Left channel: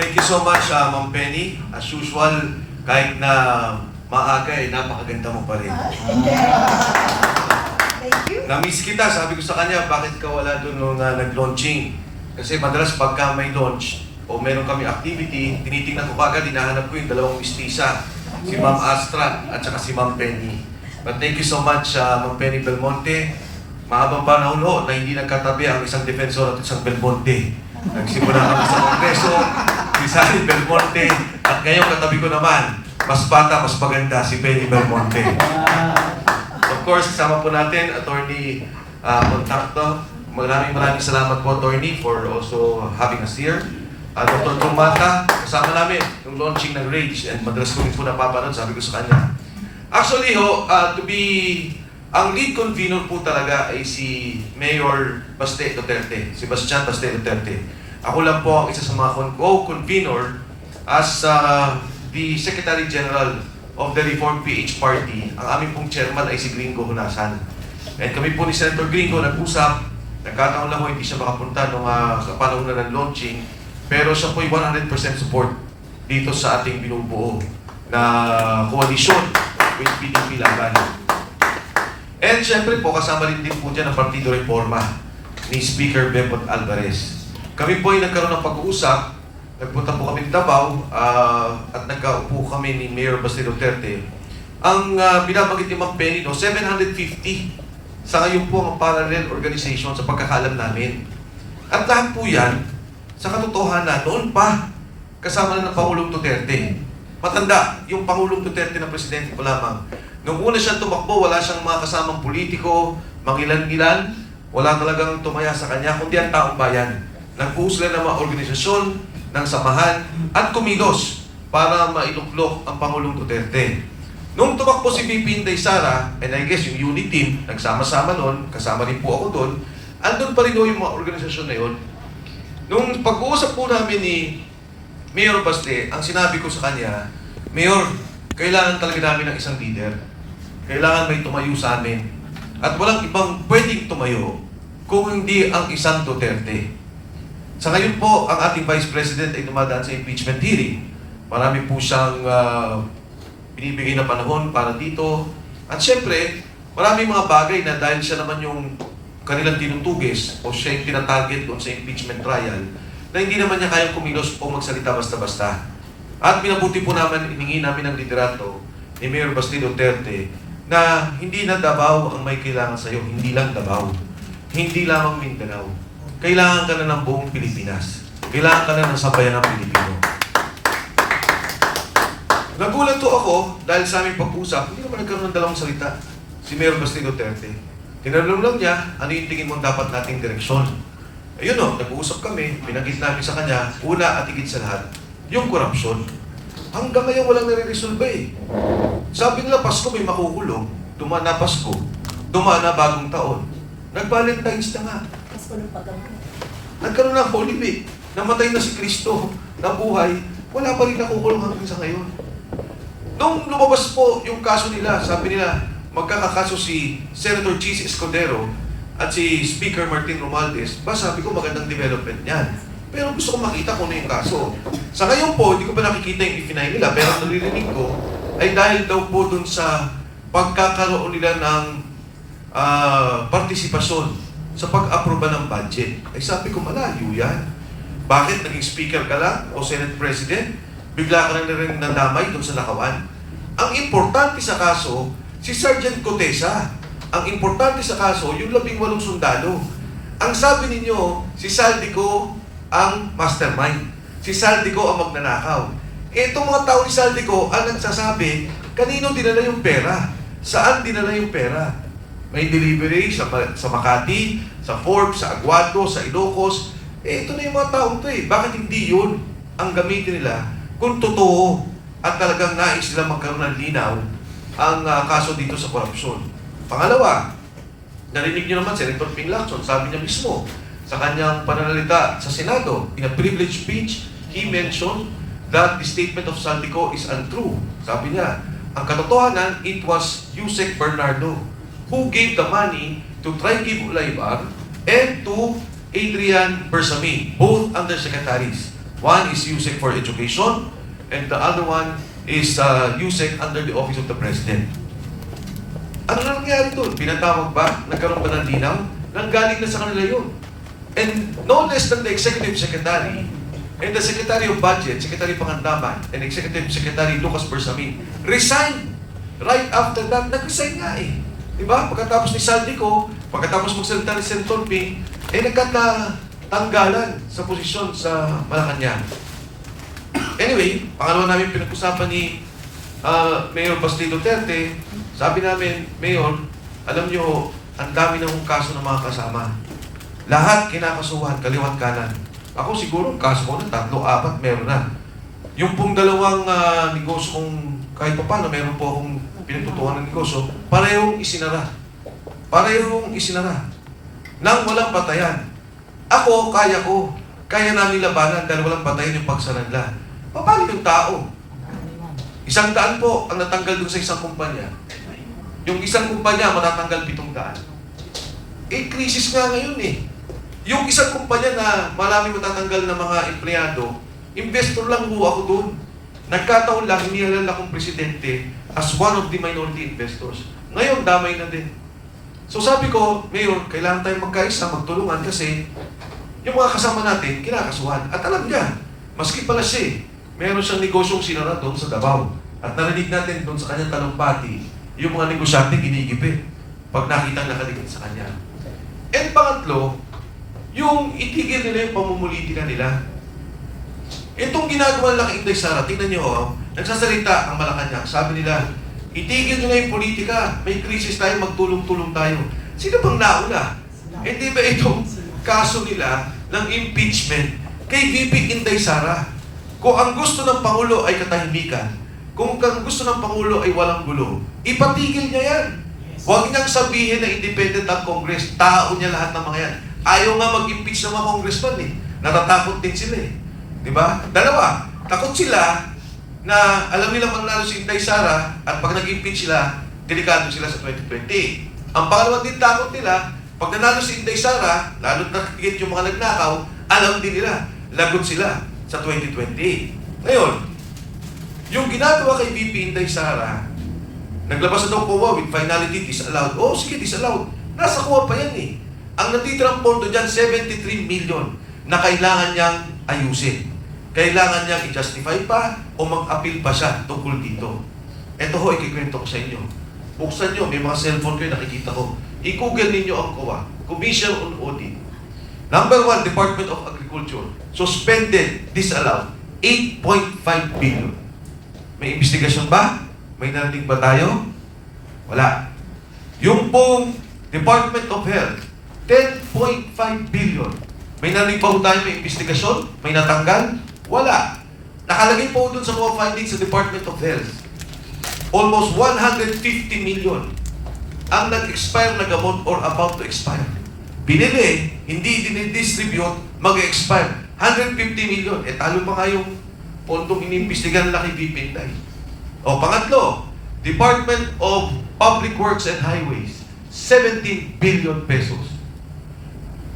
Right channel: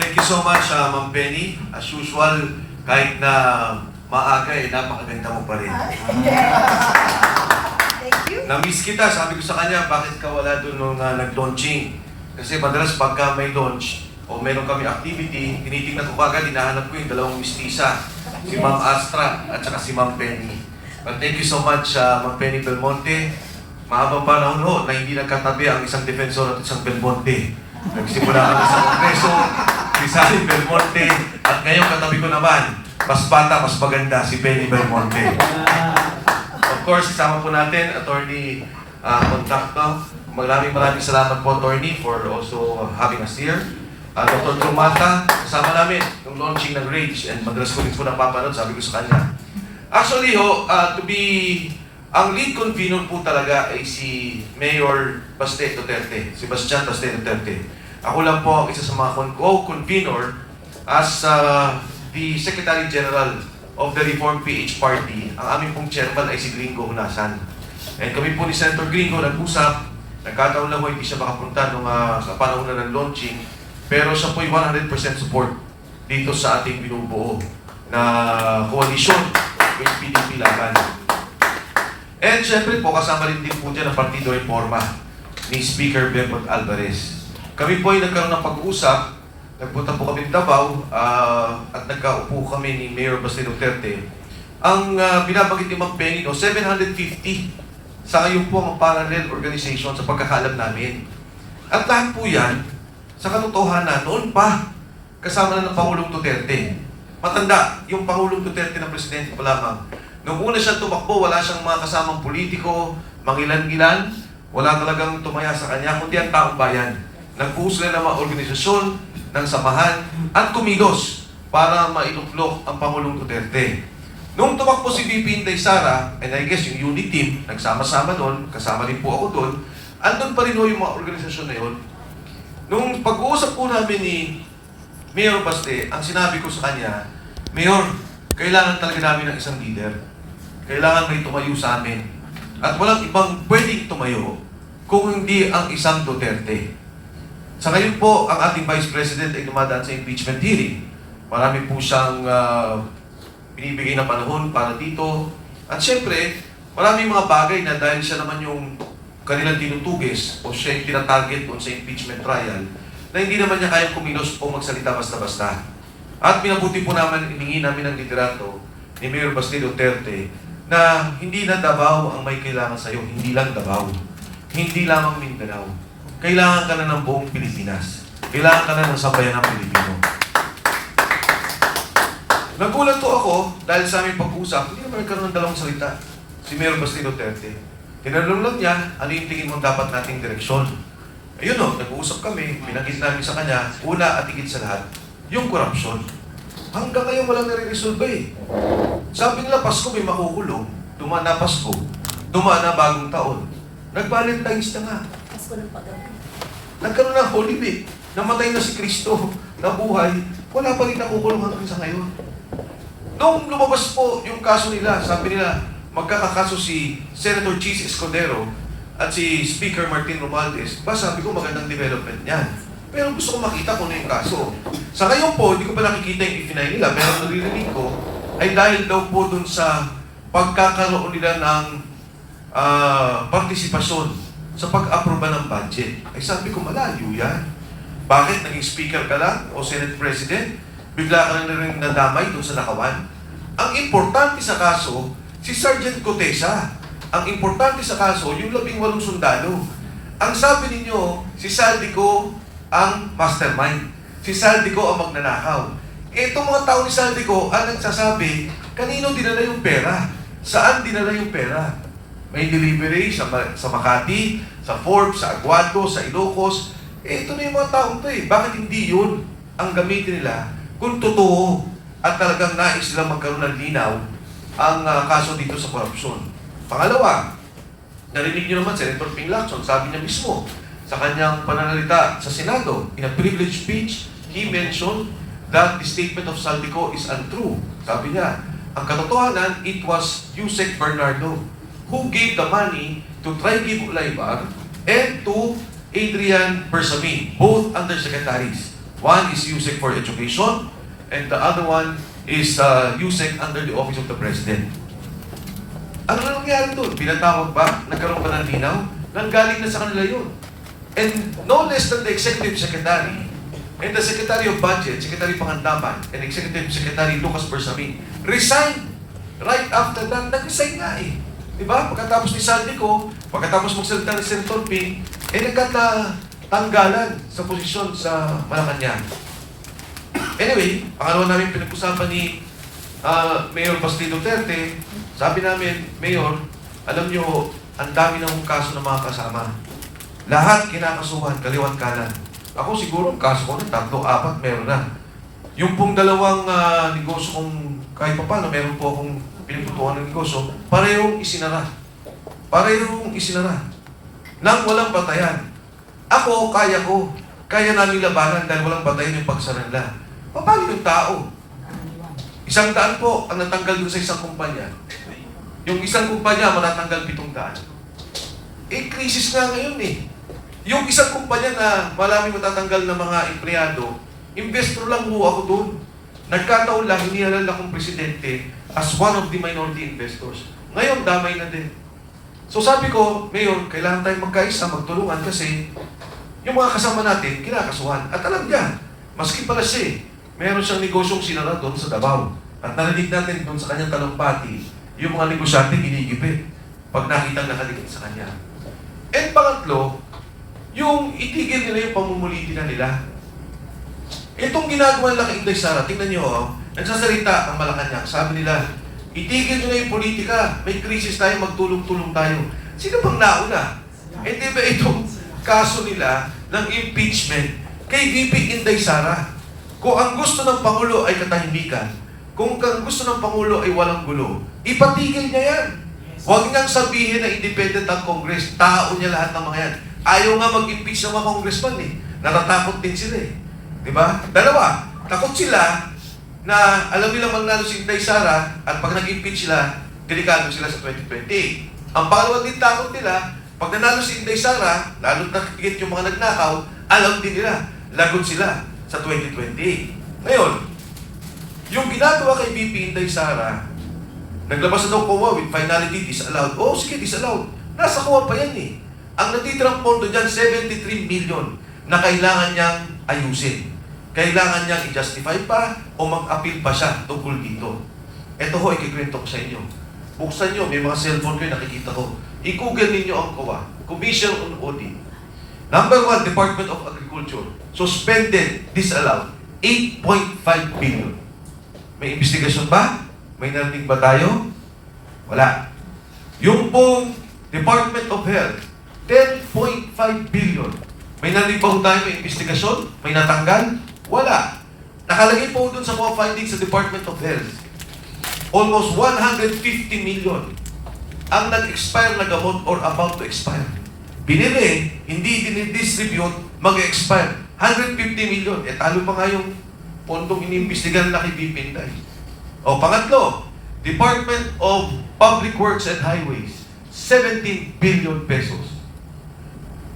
Thank you so much, Ma'am Penny. As usual, kahit na maaga, napakaganda mo pa rin. Thank you. Na-miss kita, sabi ko sa kanya, bakit ka wala doon nung nag-launching? Kasi madalas pagka may launch o meron kami activity, tinitingnan ko kagad, hinahanap ko yung dalawang mistisa, si Ma'am Astra at saka si Ma'am Penny. But thank you so much, Ma'am Penny Belmonte. Mahabang panahon ho na hindi nagkatabi ang isang defensor at isang Belmonte. Nagsimula kami sa Kongreso, si Sally Belmonte, at ngayon katabi ko naman, mas bata, mas maganda, si Penny Belmonte. Of course, kasama po natin, Attorney Contacto. Maraming salamat po, Attorney, for also having us here. Dr. Tumata, kasama namin yung launching ng Rage, and madalas ko rin po napapanood, sabi ko sa kanya. Actually, ang lead convener po talaga ay si Mayor Baste Duterte, si Bastian Baste Duterte. Ako lang po ang isa sa mga co-convener as the Secretary General of the Reform PH Party. Ang aming pong chairman ay si Gringo Hunasan. And kami po ni Senator Gringo nag-usap, nagkataon lang po hindi siya makapunta nung sa panahon na ng launching, pero siya po ay 100% support dito sa ating binubuo na koalisyon with PDP Laban. And syempre po, kasama rin din po dyan ang Partido Reforma ni Speaker Bebot Alvarez. Kami po ay nagkaroon ng pag-uusap, nagpunta po kami ng Davao at nagkaupo kami ni Mayor Baste Duterte. Ang binabanggit ni Ma'am Penny, 750 sa ngayon po ang parallel organization sa pagkakalam namin. At lahat po yan, sa katotohanan, noon pa, kasama na ng Pangulong Duterte. Matanda, yung Pangulong Duterte na presidente pa lamang. Nung una siyang tumakbo, wala siyang mga kasamang politiko, mangilan-ngilan, wala talagang tumaya sa kanya, kundi ang taong bayan. Nagbuo sila ng mga organisasyon, ng samahan, at kumilos para mailuklok ang Pangulong Duterte. Nung tumakbo si VP Inday Sara, and I guess yung unit team, nagsama-sama noon, kasama rin po ako doon, andun pa rin doon yung mga organisasyon na yun. Nung pag-uusap po namin ni Mayor Baste, ang sinabi ko sa kanya, Mayor, kailangan talaga namin ng isang leader. Kailangan may tumayo sa amin. At walang ibang pwedeng tumayo kung hindi ang isang Duterte. Sa ngayon po, ang ating Vice President ay dumadaan sa impeachment hearing. Marami po siyang binibigay na panahon para dito. At syempre, maraming mga bagay na dahil siya naman yung kanilang tinutugis o siya yung tinatarget doon sa impeachment trial, na hindi naman niya kayang kumilos o magsalita basta-basta. At minabuti po naman, iningi namin ang liderato ni Mayor Baste Duterte na hindi na Davao ang may kailangan sa'yo, hindi lang Davao, hindi lamang Mindanao. Kailangan ka na ng buong Pilipinas. Kailangan ka na ng sabayan ng Pilipino. Nagulat to ako dahil sa aming pag-usap, hindi naman nagkaroon ng dalawang salita si Mayor Baste Duterte. Tinanong lang niya, ano yung tingin mo dapat nating direksyon? Ayun o, nag-uusap kami, pinagit namin sa kanya, una at higit sa lahat, yung korupsyon. Hanggang ngayon walang nare-resolve eh. Sabi nila, Pasko may makukulong. Dumaan na Pasko. Dumaan na bagong taon. Nag-Valentine's na nga. Pasko ng paggamit. Nagkaroon ng Holy Week. Namatay na si Kristo. Nabuhay. Wala pa rin nakukulong hanggang sa ngayon. Nung lumabas po yung kaso nila, sabi nila, magkakakaso si Senator Chis Escudero at si Speaker Martin Romualdez. Sabi ko magandang development niyan. Pero gusto ko makita kung ano yung kaso. Sa ngayon po, hindi ko pa nakikita yung i-deny nila, pero ang naririnig ko ay dahil daw po dun sa pagkakaroon nila ng partisipasyon sa pag-aproba ng budget. Ay sabi ko, malayo yan. Bakit naging speaker ka lang o Senate President? Bigla ka na rin nadamay dun sa nakawan. Ang importante sa kaso, si Sergeant Cotesa. Ang importante sa kaso, yung 18 sundalo. Ang sabi ninyo, si Saldico ang mastermind. Si Saldico ang magnanakaw. Itong mga tao ni Saldico ang nagsasabi, kanino dinala yung pera? Saan dinala yung pera? May delivery sa Makati, sa Forbes, sa Aguado, sa Ilocos. Ito na yung mga taong to eh. Bakit hindi yun ang gamitin nila kung totoo at talagang nais nila magkaroon ng linaw ang kaso dito sa korupsyon? Pangalawa, narinig niyo naman Senator Ping Lacson, sabi niya mismo sa kanyang pananalita sa Senado, in a privileged speech, he mentioned that the statement of Saldico is untrue. Sabi niya, ang katotohanan, it was Yusek Bernardo who gave the money to Trigib Ulaybar and to Adrian Bersamin, both undersecretaries. One is USEC for Education, and the other one is USEC under the Office of the President. Ano na nangyari doon? Pinatawag ba? Nagkaroon ba ng linaw? Nanggaling na sa kanila yun. And no less than the Executive Secretary and the Secretary of Budget, Secretary Pangandaman, and Executive Secretary Lucas Bersamin resigned right after that. Nag-resign nga eh. Diba? Pagkatapos ni Saldico, pagkatapos magsalita ni Senator Ping, nagkatanggalan sa posisyon sa Malacanang. Anyway, pangalawa namin pinag-usapan ni Mayor Basti Duterte, sabi namin, Mayor, alam niyo, ang dami ng kaso ng mga kasama. Lahat kinakasuhan, kaliwan kanan. Ako siguro, kaso ko na, 3, 4, meron na. Yung pong dalawang negosyo kung kahit pa paano, meron po akong pinagtutuan ng negosyo, parehong isinara. Parehong isinara. Nang walang patayan. Ako, kaya namin labanan dahil walang patayan yung pagsara nila. Paano yung tao? 100 po ang natanggal dun sa isang kumpanya. Yung isang kumpanya matatanggal 700. Krisis nga ngayon eh. Yung isang kumpanya na maraming matatanggal na mga empleyado, investor lang ho ako doon. Nagkataon lang, inihalal akong presidente as one of the minority investors. Ngayon, damay na din. So sabi ko, Mayor, kailangan tayong magkaisa, magtulungan kasi yung mga kasama natin, kinakasuhan. At alam niya, maski pala siya, meron siyang negosyong sinara doon sa Davao. At narinig natin doon sa kanyang talumpati, yung mga negosyante ginigipit pag nakita nakaligid sa kanya. And pangatlo, yung itigil nila yung pamumulitika nila. Itong ginagawa lang Inday Sara, tingnan niyo, nagsasalita ang Malacanang. Sabi nila, itigil nyo na yung politika, may krisis tayo, magtulong-tulong tayo. Sino bang nauna? Hindi ba itong kaso nila ng impeachment kay VP Inday Sara? Kung ang gusto ng Pangulo ay katahimikan, kung ang gusto ng Pangulo ay walang gulo, ipatigil niya yan. Huwag niyang sabihin na independent ang Congress, tao niya lahat ng mga yan. Ayaw nga mag-impeach ng mga congressman eh. Natatakot din sila eh. Diba? Dalawa, takot sila na alam nila manalo si Inday Sara at pag nag-impeach sila, delikado sila sa 2020. Ang pangalawa din takot nila, pag nanalo si Inday Sara, lalo't nakikit yung mga nagnakaw, alam din nila, lagot sila sa 2020. Ngayon, yung ginagawa kay VP Inday Sara, naglabas na daw COA with finality disallowed. Oh, sige, disallowed. Nasa COA pa yan eh. Ang natitirang pondo dyan, 73 million na kailangan niyang ayusin. Kailangan niyang i-justify pa o mag-appeal pa siya tungkol dito. Ito ho, ikikwento ko sa inyo. Buksan nyo, may mga cellphone kayo nakikita ko. I-google ninyo ang COA, Commission on Audit. Number 1, Department of Agriculture. Suspended, disallowed, 8.5 billion. May investigasyon ba? May narating ba tayo? Wala. Yung pong Department of Health, 10.5 billion. May narinig pa tayo may investigasyon? May natanggal? Wala. Nakalagay po dun sa mga findings sa Department of Health. Almost 150 million ang nag-expire na gamot or about to expire. Binili, hindi dinidistribute, mag-expire. 150 million. Talo pa nga yung pondong inimbestigan na kay VP Inday. O pangatlo, Department of Public Works and Highways, 17 billion pesos.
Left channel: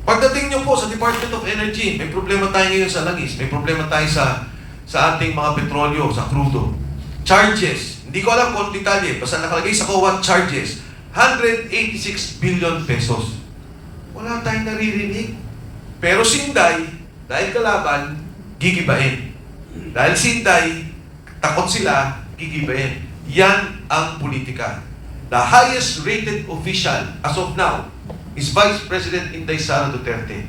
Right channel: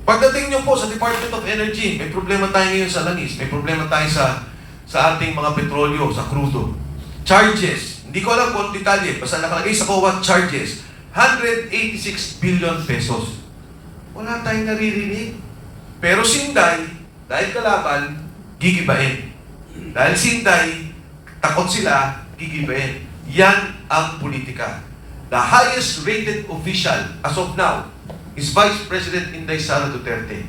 Pagdating nyo po sa Department of Energy, may problema tayo ngayon sa langis, may problema tayo sa ating mga petrolyo, sa crudo. Charges, hindi ko alam kung detalye, basta nakalagay sa COA charges, 186 billion pesos. Wala tayong naririnig. Pero si Inday, dahil kalaban, gigibain. Dahil si Inday, takot sila, gigibain. Yan ang politika. The highest rated official as of now is Vice President Inday Sara Duterte.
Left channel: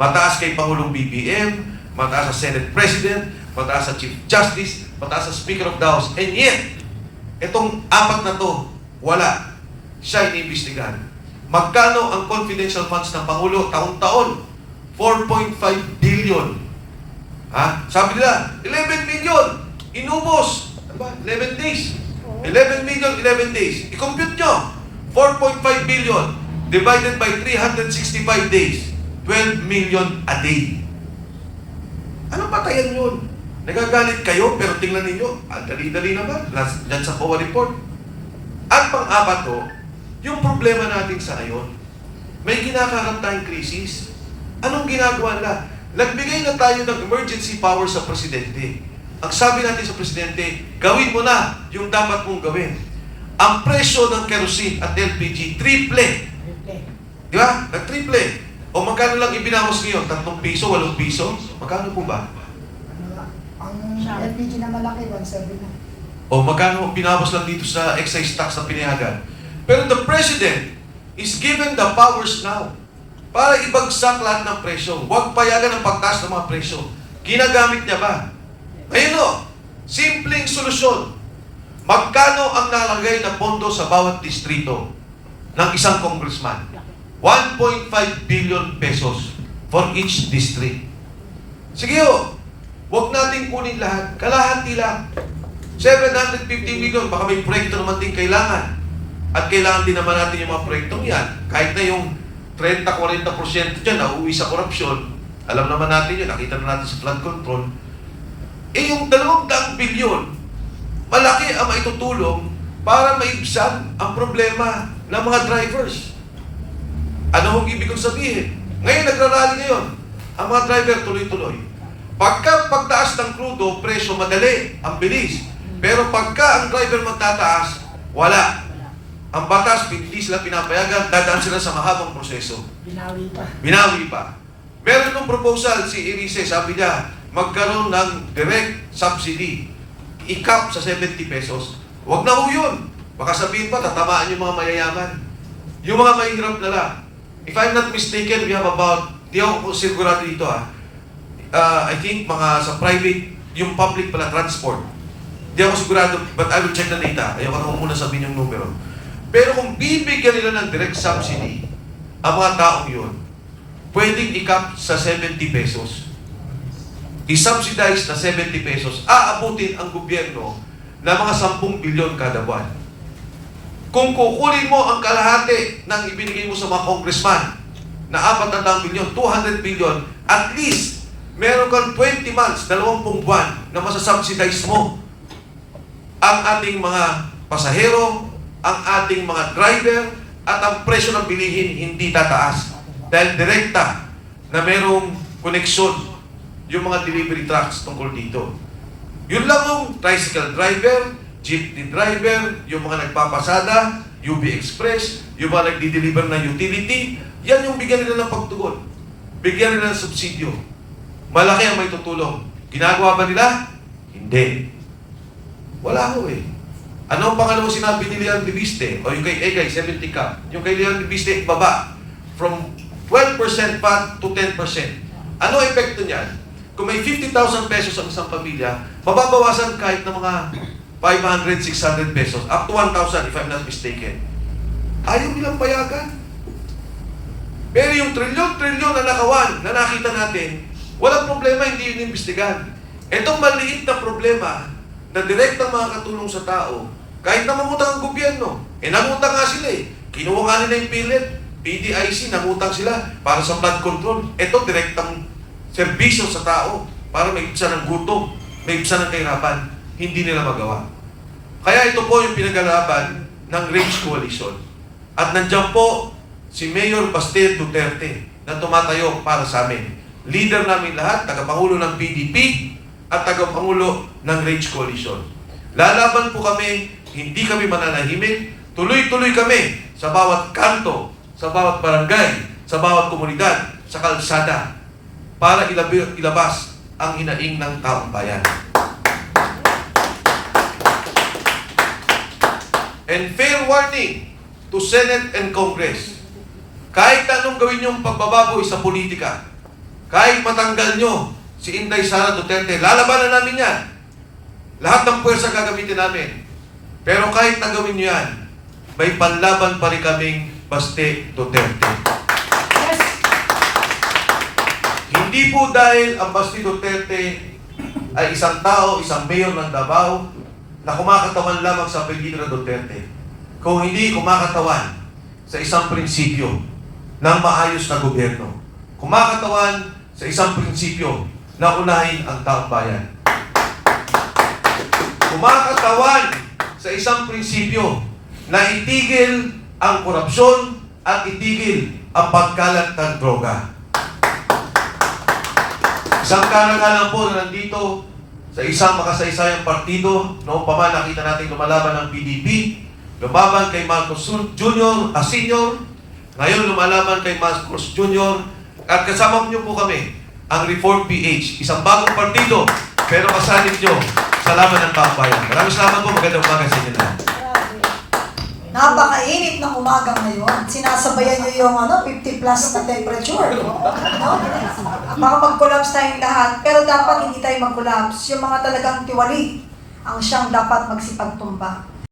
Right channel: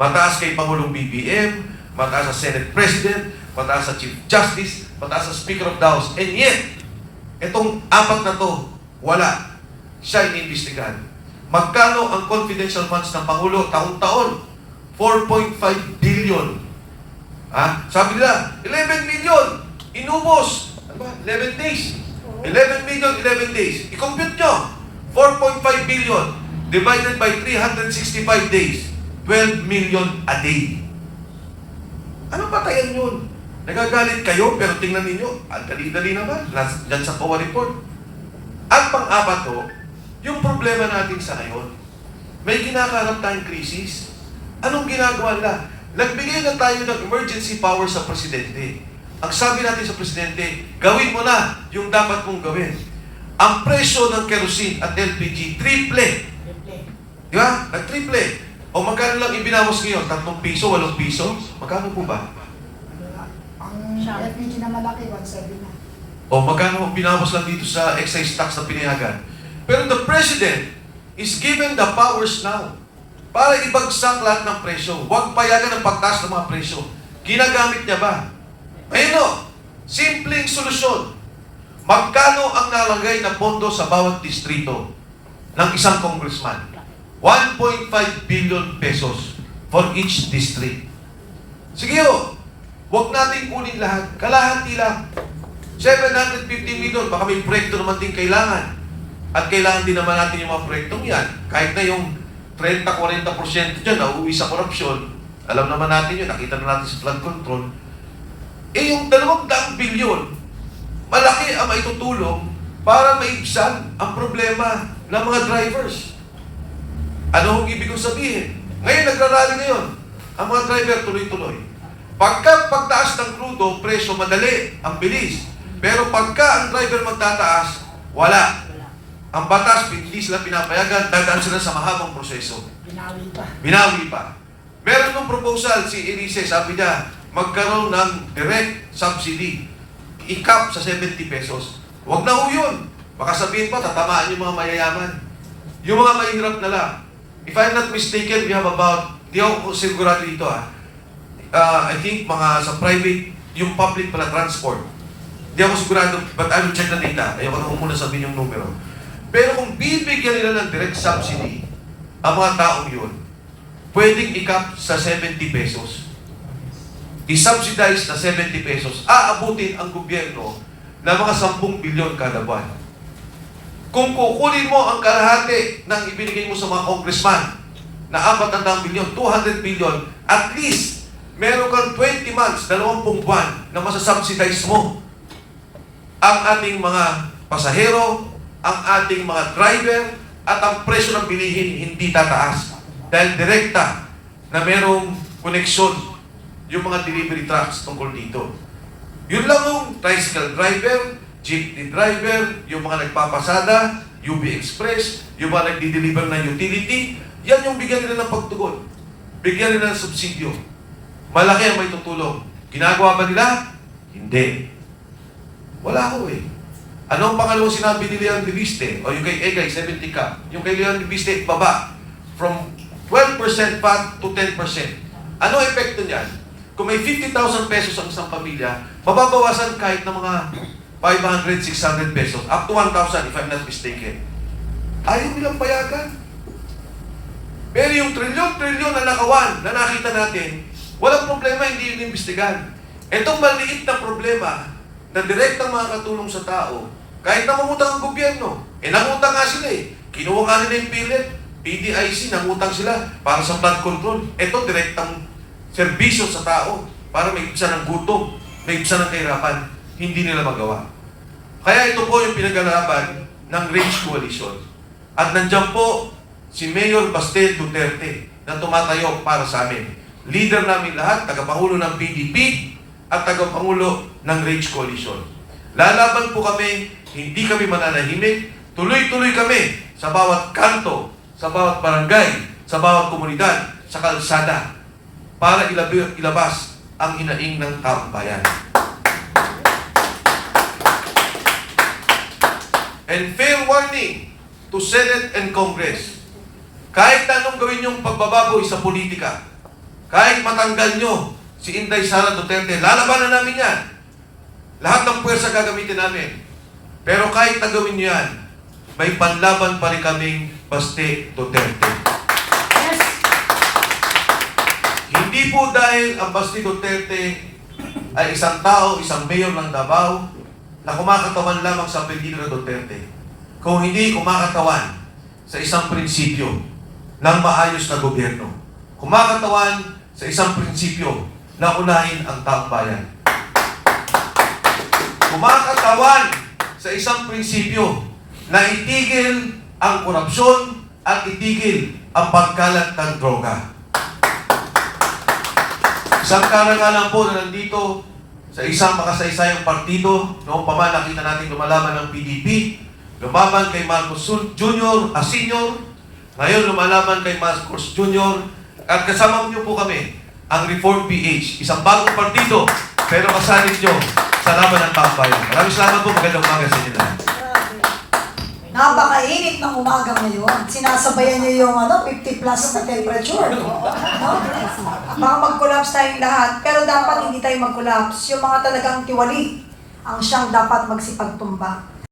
Mataas kay Pangulong BBM, mataas sa Senate President, mataas sa Chief Justice, mataas sa Speaker of the House. And yet, itong apat na to, wala. Siya iniimbestigahan. Magkano ang confidential funds ng Pangulo taon-taon? 4.5 billion. Ha? Sabi nila, 11 million. Inubos. Diba? 11 days. 11 million, 11 days. I-compute nyo. 4.5 billion divided by 365 days. 12 million a day. Ano patayan yun? Nagagalit kayo, pero tingnan ninyo, ang dali-dali naman. Diyan sa COA report. Ang pang-apat to, yung problema natin sa ngayon, may kinakaharap tayong krisis. Anong ginagawa nila? Nagbigay na tayo ng emergency power sa Presidente. Ang sabi natin sa Presidente, gawin mo na yung dapat mong gawin. Ang presyo ng kerosene at LPG, triple. Di ba? Nag-triple. O magkano lang ibinawas ngayon? 3 piso, 8 piso? Magkano po ba? Ang LPG na malaki, 170 na. O magkano binawas lang dito sa excise tax na pinayagan? Pero the President is given the powers now para ibagsak lahat ng presyo. Huwag payagan ang pagtaas ng mga presyo. Ginagamit niya ba? Ngayon o, simpleng solusyon. Magkano ang nalagay na pondo sa bawat distrito ng isang congressman? 1.5 billion pesos for each district. Sige o, huwag natin kunin lahat. Kalahati lang. 750 million, baka may proyekto naman din kailangan. At kailangan din naman natin yung mga proyektong yan. Kahit na yung 30-40% dyan na uuwi sa korupsyon, alam naman natin yun, nakita na natin sa flood control. Eh yung 200 billion, malaki ang maitutulong para maibsan ang problema ng mga drivers. Ano ang ibig kong sabihin? Ngayon, nagrarally ngayon. Ang mga driver tuloy-tuloy. Pagtaas ng krudo, presyo madali, ang bilis. Pero pagka ang driver magtataas, wala. Ang batas, hindi sila pinapayagan, dadaan sila sa mahabang proseso. Binawi pa. Meron ng proposal, si Elise, sabi niya, magkaroon ng direct subsidy. I-cap sa 70 pesos. Huwag na ho yun. Baka sabihin pa, tatamaan yung mga mayayaman. Yung mga mahirap na lang. If I'm not mistaken, we have about, di ako sigurado dito I think mga sa private, yung public pala transport. Di ako sigurado, but I will check the data. Ayoko na muna sabihin yung numero. Pero kung bibigyan nila ng direct subsidy, ang mga taong yun, pwedeng i-cap sa 70 pesos. I-subsidize na 70 pesos, aabutin ang gobyerno na mga 10 bilyon kada buwan. Kung kukunin mo ang kalahati ng ibinigay mo sa mga congressman na 400 bilyon, 200 bilyon, at least meron kang 20 months, 20 buwan na masasubsidize mo ang ating mga pasahero, ang ating mga driver, at ang presyo ng bilihin hindi tataas. Dahil direkta na merong koneksyon yung mga delivery trucks tungkol dito. Yun lang yung tricycle driver, jeepney driver, yung mga nagpapasada, UB Express, yung mga nagdi-deliver ng utility, yan yung bigyan nila ng pagtugon. Bigyan nila ng subsidyo. Malaki ang may tutulong. Ginagawa ba nila? Hindi. Wala ho eh. Ano ang pangalawang sinabi ni Leon Libiste? O yung kay Egay, 70 cap. Yung kay Leon Libiste, baba. From 12% pa to 10%. Ano ang epekto niyan? Kung may 50,000 pesos ang isang pamilya, mababawasan kahit ng mga 500, 600 pesos. Up to 1,000 if I'm not mistaken. Ayaw nilang payagan. Pero yung trilyon-trilyon na nakawan na nakita natin, walang problema, hindi yun imbestigan. Itong maliit na problema na direktang makakatulong sa tao, kahit namungutang ang gobyerno, nangutang nga sila eh. Kinuha nga nila yung PhilHealth, PDIC, nangutang sila para sa flood control. Ito, direktang serbisyo sa tao para maibsan ng gutom, maibsan ng kahirapan. Hindi nila magawa. Kaya ito po yung pinagalaban ng Rage Coalition. At nandiyan po si Mayor Baste Duterte na tumatayo para sa amin. Leader namin lahat, tagapangulo ng PDP at tagapangulo ng Rage Coalition. Lalaban po kami, hindi kami mananahimik, tuloy-tuloy kami sa bawat kanto, sa bawat barangay, sa bawat komunidad, sa kalsada, para ilabas ang hinaing ng taong bayan. And fair warning to Senate and Congress, kahit anong gawin yung pagbababoy sa politika, kahit matanggal nyo si Inday Sara Duterte, lalabanan namin yan. Lahat ng puwersa gagamitin namin. Pero kahit na gawin nyo yan, may panlaban pa rin kaming Baste Duterte. Yes! Hindi po dahil ang Baste Duterte ay isang tao, isang mayor ng Davao na kumakatawan lamang sa apelyido na Duterte. Kung hindi kumakatawan sa isang prinsipyo ng maayos na gobyerno. Kumakatawan sa isang prinsipyo na unahin ang taong bayan. Kumakatawan sa isang prinsipyo na itigil ang korupsyon at itigil ang pagkalat ng droga. Isang karangalan po na nandito sa isang makasaysayang partido, noong pa man nakita natin lumalaban ng PDP, lumaban kay Marcos Jr., Senior, ngayon lumalaban kay Marcos Jr., at kasama niyo po kami, ang Reform PH, isang bagong partido, pero kasanib niyo sa laban ng bayan. Maraming salamat po, magandang umaga sa inyo lahat. Napakainit ng umaga ngayon. Sinasabayan nyo yung 50 plus na temperature. No? Baka mag-collapse tayong lahat. Pero dapat hindi tayo mag-collapse. Yung mga talagang tiwali ang siyang dapat magsipagtumba.